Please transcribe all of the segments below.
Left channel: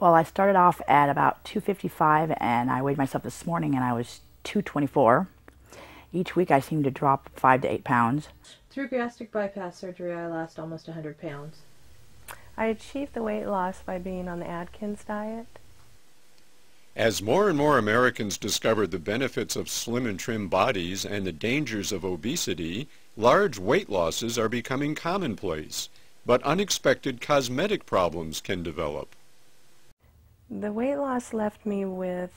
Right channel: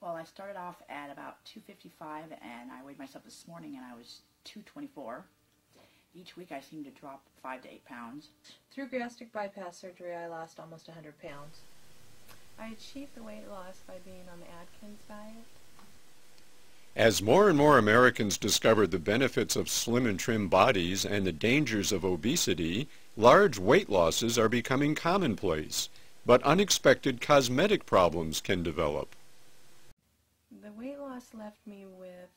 Well, I started off at about 255 and I weighed myself this morning and I was 224. Each week I seem to drop 5 to 8 pounds. Through gastric bypass surgery, I lost almost 100 pounds. I achieved the weight loss by being on the Atkins diet. As more and more Americans discover the benefits of slim and trim bodies and the dangers of obesity, large weight losses are becoming commonplace, but unexpected cosmetic problems can develop. The weight loss left me with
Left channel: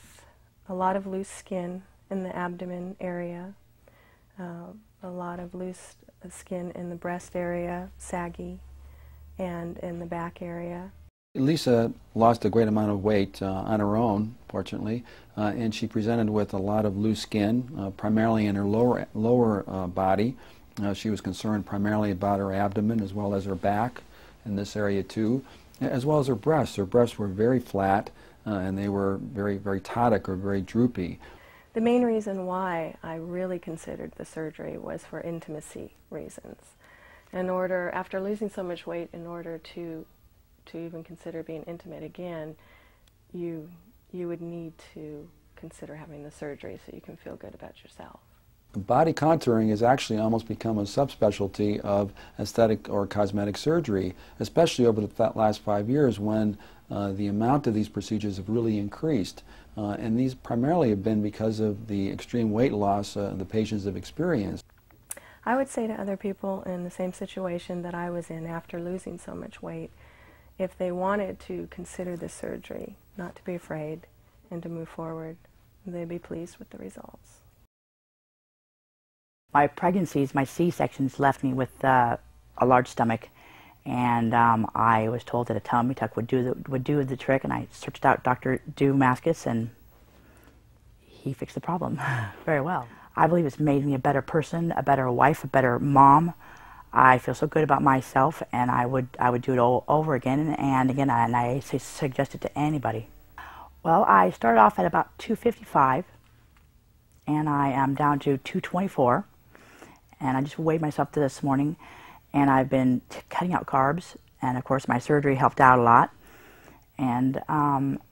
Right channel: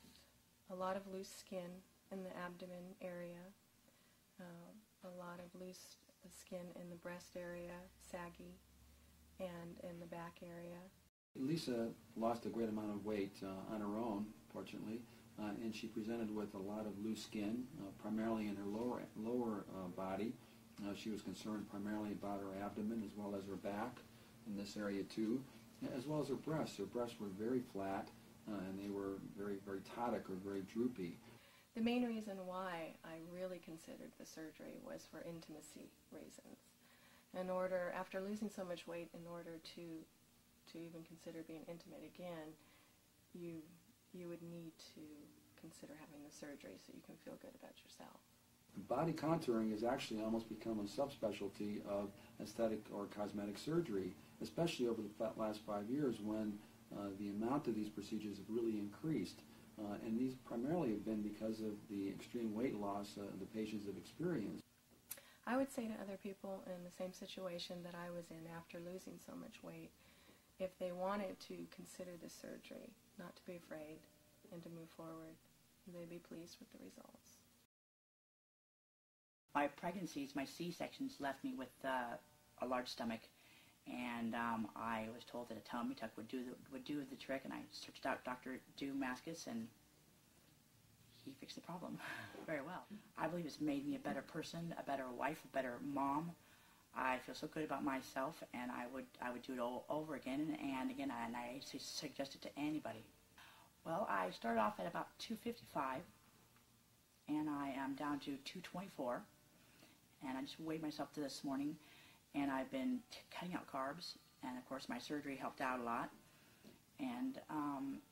a lot of loose skin in the abdomen area, a lot of loose skin in the breast area, saggy, and in the back area. Lisa lost a great amount of weight on her own, fortunately, and she presented with a lot of loose skin, primarily in her lower body. She was concerned primarily about her abdomen as well as her back in this area too, as well as her breasts. Her breasts were very flat and they were very, very tonic or very droopy. The main reason why I really considered the surgery was for intimacy reasons. After losing so much weight, in order to even consider being intimate again, you would need to consider having the surgery so you can feel good about yourself. Body contouring has actually almost become a subspecialty of aesthetic or cosmetic surgery, especially over the last 5 years when the amount of these procedures have really increased. And these primarily have been because of the extreme weight loss the patients have experienced. I would say to other people in the same situation that I was in after losing so much weight, if they wanted to consider this surgery, not to be afraid and to move forward, they'd be pleased with the results. My pregnancies, my C-sections left me with a large stomach, and I was told that a tummy tuck would do the trick, and I searched out Dr. Domanskis, and he fixed the problem very well. I believe it's made me a better person, a better wife, a better mom. I feel so good about myself, and I would do it all over again and again, and I suggest it to anybody. Well, I started off at about 255, and I am down to 224, and I just weighed myself this morning, and I've been cutting out carbs, and of course my surgery helped out a lot, and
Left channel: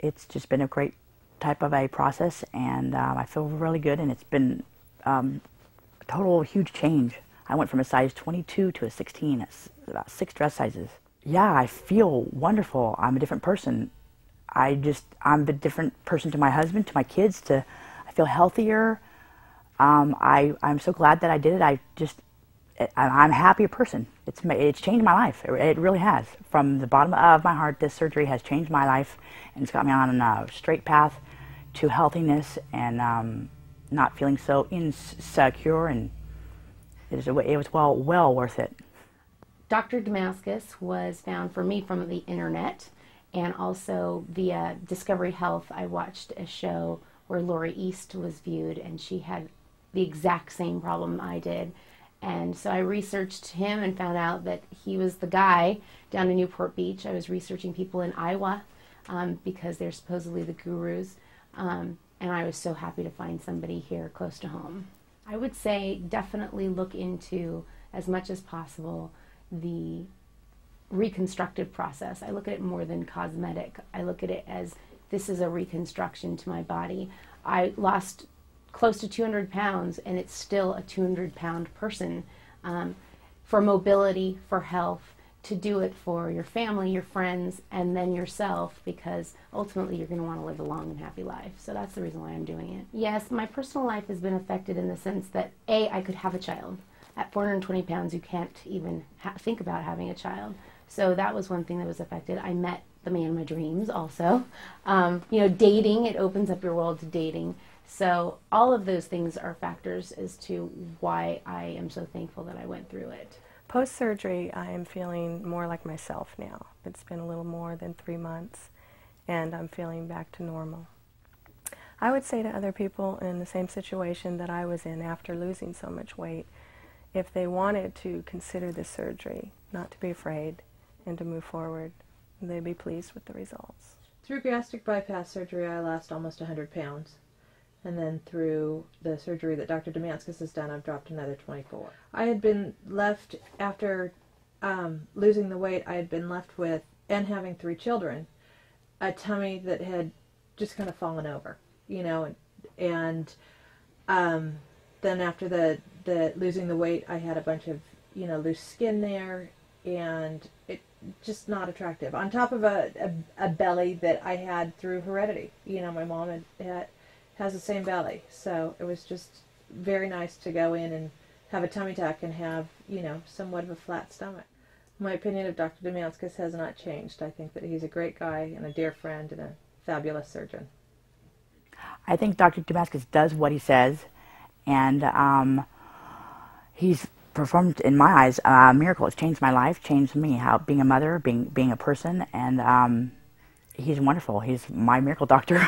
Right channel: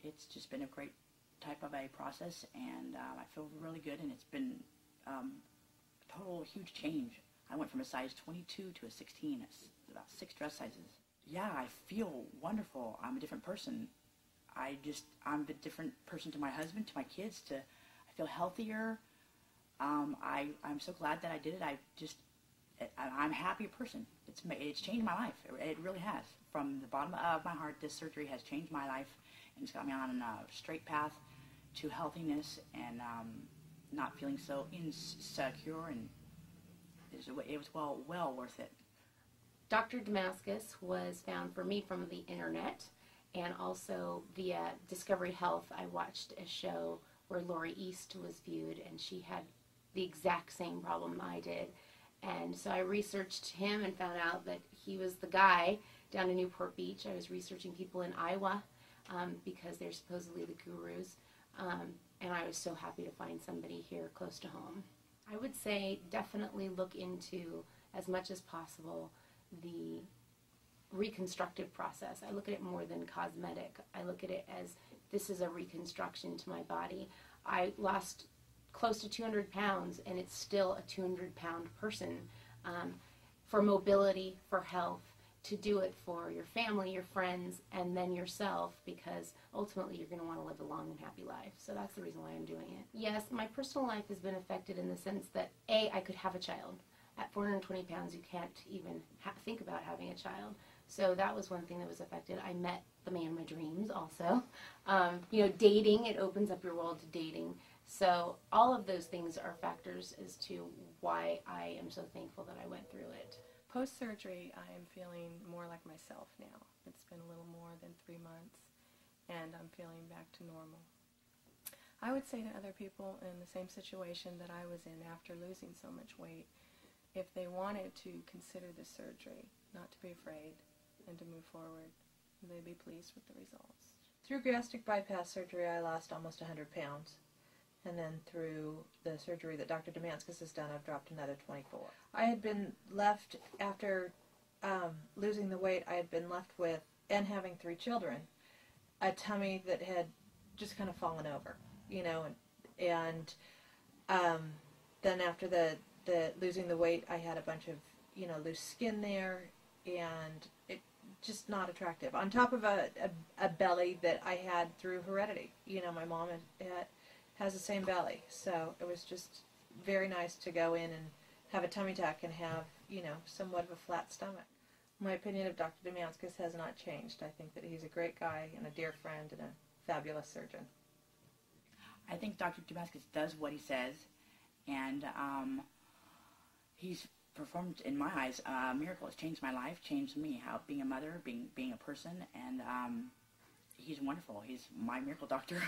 it's just been a great type of a process, and I feel really good, and it's been a total huge change. I went from a size 22 to a 16. It's about 6 dress sizes. Yeah, I feel wonderful. I'm a different person. I'm a different person to my husband, to my kids. I feel healthier. I'm so glad that I did it. I'm a happier person. It's changed my life. It really has. From the bottom of my heart, this surgery has changed my life, and it's got me on a straight path to healthiness and not feeling so insecure, and it was well worth it. Dr. Domanskis was found for me from the internet, and also via Discovery Health. I watched a show where Lori East was viewed, and she had the exact same problem I did. And so I researched him and found out that he was the guy down in Newport Beach. I was researching people in Iowa because they're supposedly the gurus. And I was so happy to find somebody here close to home. I would say definitely look into, as much as possible, the reconstructive process. I look at it more than cosmetic. I look at it as this is a reconstruction to my body. I lost close to 200 pounds, and it's still a 200-pound person. For mobility, for health, to do it for your family, your friends, and then yourself, because ultimately you're going to want to live a long and happy life. So that's the reason why I'm doing it. Yes, my personal life has been affected in the sense that, A, I could have a child. At 420 pounds, you can't even think about having a child. So that was one thing that was affected. I met the man of my dreams also. You know, dating, it opens up your world to dating. So all of those things are factors as to why I am so thankful that I went through it. Post-surgery, I am feeling more like myself now. It's been a little more than 3 months, and I'm feeling back to normal. I would say to other people in the same situation that I was in after losing so much weight, if they wanted to consider this surgery, not to be afraid and to move forward, they'd be pleased with the results. Through gastric bypass surgery, I lost almost 100 pounds. And then through the surgery that Dr. Domanskis has done, I've dropped another 24. I had been left, after losing the weight, I had been left with, and having 3 children, a tummy that had just kind of fallen over, you know, and then after the losing the weight, I had a bunch of, you know, loose skin there, and it just not attractive. On top of a belly that I had through heredity. You know, my mom has the same belly, so it was just very nice to go in and have a tummy tuck and have, you know, somewhat of a flat stomach. My opinion of Dr. Domanskis has not changed. I think that he's a great guy and a dear friend and a fabulous surgeon. I think Dr. Domanskis does what he says, and he's performed, in my eyes, a miracle. It's changed my life, changed me, how being a mother, being a person, and he's wonderful. He's my miracle doctor.